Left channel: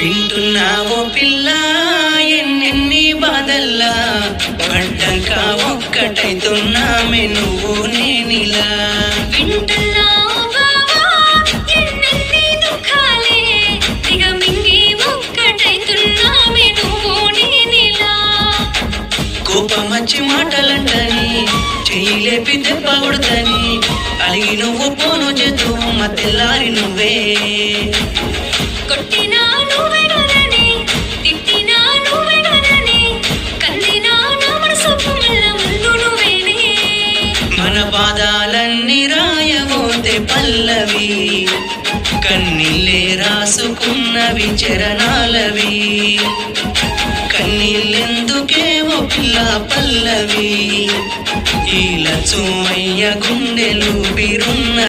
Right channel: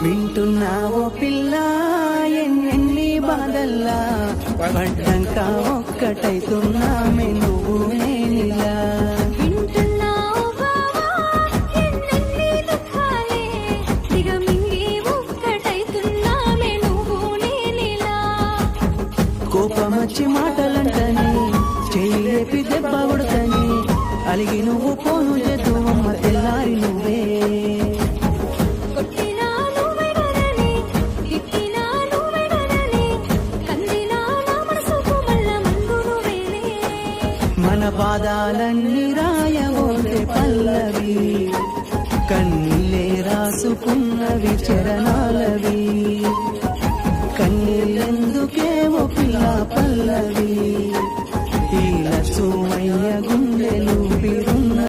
వింటున్నావో పిల్ల ఎన్నెన్ని బాధల్లా పడ్డంక ఒక్కటైతున్నామే నువ్వు నేనిలా కోపమచ్చి మాటలంటని చేయలేపి దెబ్బడదని అయి నువ్వు పోను చేతు మధ్యలారి నువ్వే మన పాదాలన్నీ రాయబోతే పల్లవి కన్నీళ్ళే రాసుకున్నవి చరణాలవి కన్నీళ్ళెందుకే ఓ పిల్ల పల్లవి ఇలా చూమయ్య గుండెలు బిరున్న